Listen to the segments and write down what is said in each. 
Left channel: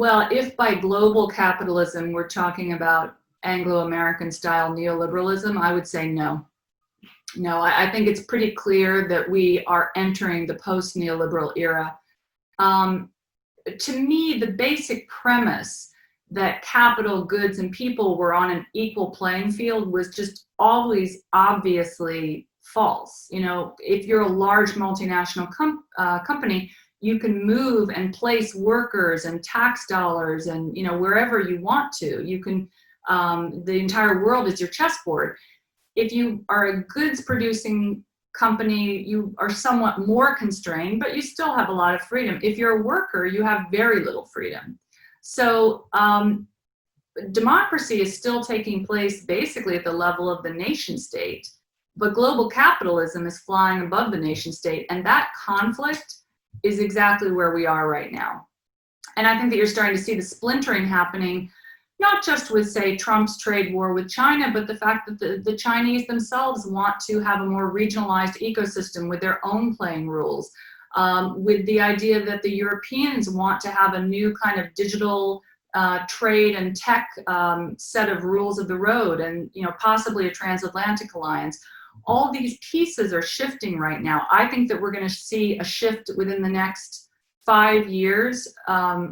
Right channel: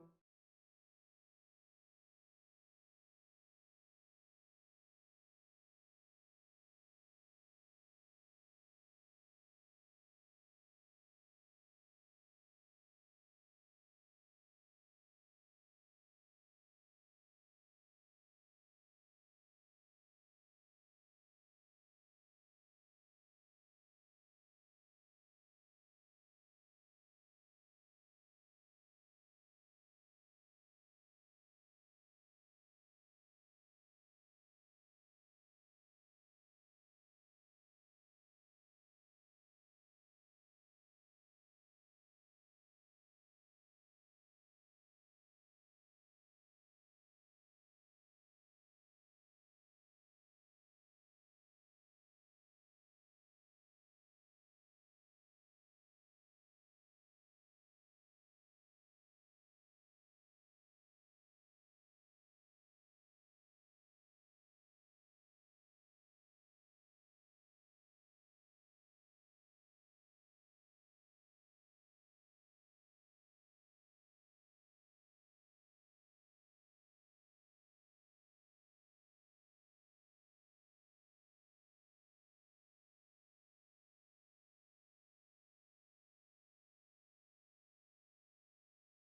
Well, if by global capitalism we're talking about Anglo-American style neoliberalism, I would say no. No, I think it's pretty clear that we are entering the post-neoliberal era. Um, to me, the basic premise that capital, goods, and people were on an equal playing field was just always obviously false. You know, if you're a large multinational company, you can move and place workers and tax dollars and, you know, wherever you want to. You can, the entire world is your chessboard. If you are a goods producing company, you are somewhat more constrained, but you still have a lot of freedom. If you're a worker, you have very little freedom. So democracy is still taking place basically at the level of the nation state, but global capitalism is flying above the nation state, and that conflict is exactly where we are right now. And I think that you're starting to see the splintering happening, not just with, say, Trump's trade war with China, but the fact that the Chinese themselves want to have a more regionalized ecosystem with their own playing rules, with the idea that the Europeans want to have a new kind of digital trade and tech set of rules of the road, and, you know, possibly a transatlantic alliance. All these pieces are shifting right now. I think that we're going to see a shift within the next 5 years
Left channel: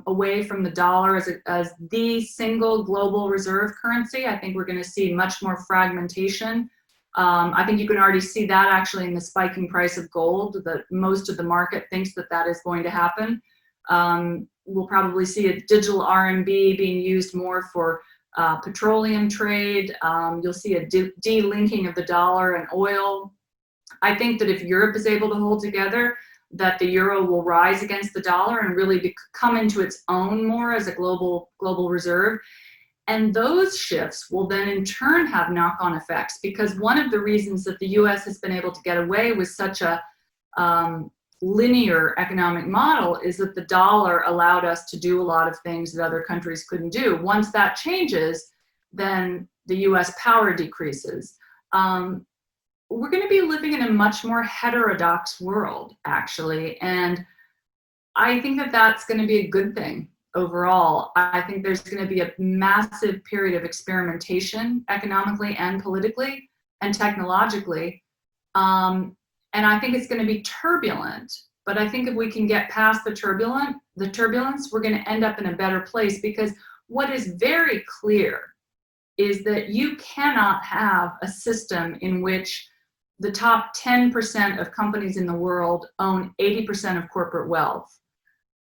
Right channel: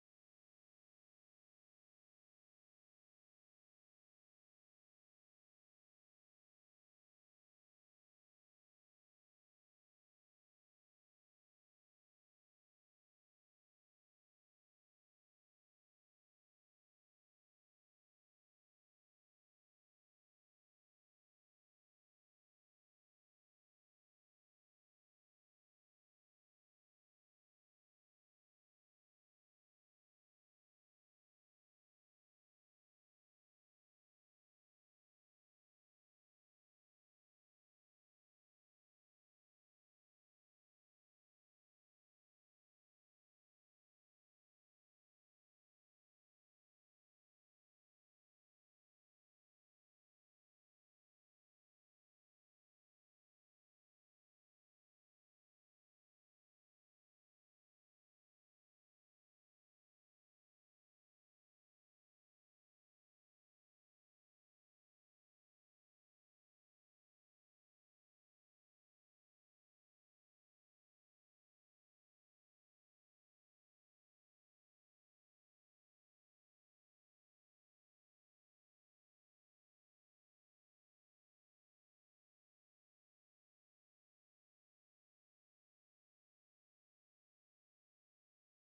away from the dollar as the single global reserve currency. I think we're going to see much more fragmentation. I think you can already see that actually in the spiking price of gold, that most of the market thinks that that is going to happen. We'll probably see a digital RMB being used more for petroleum trade. You'll see a delinking of the dollar and oil. I think that if Europe is able to hold together, that the euro will rise against the dollar and really come into its own more as a global reserve. And those shifts will then in turn have knock-on effects, because one of the reasons that the US has been able to get away with such a linear economic model is that the dollar allowed us to do a lot of things that other countries couldn't do. Once that changes, then the US power decreases. We're going to be living in a much more heterodox world, actually. And I think that that's going to be a good thing overall. I think there's going to be a massive period of experimentation economically and politically and technologically. And I think it's going to be turbulent. But I think if we can get past the turbulence, we're going to end up in a better place, because what is very clear is that you cannot have a system in which the top 10% of companies in the world own 80% of corporate wealth,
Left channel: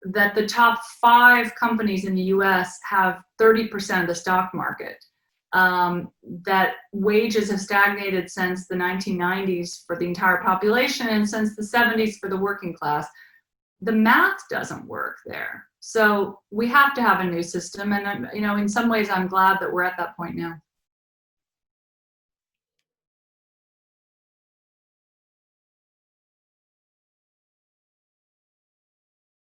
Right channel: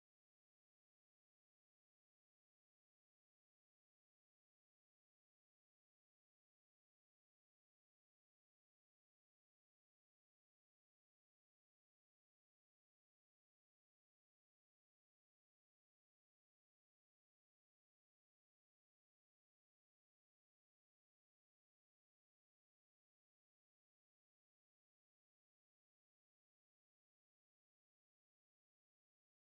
that the top 5 companies in the US have 30% of the stock market, that wages have stagnated since the 1990s for the entire population and since the 70s for the working class. The math doesn't work there. So we have to have a new system. And, you know, in some ways, I'm glad that we're at that point now.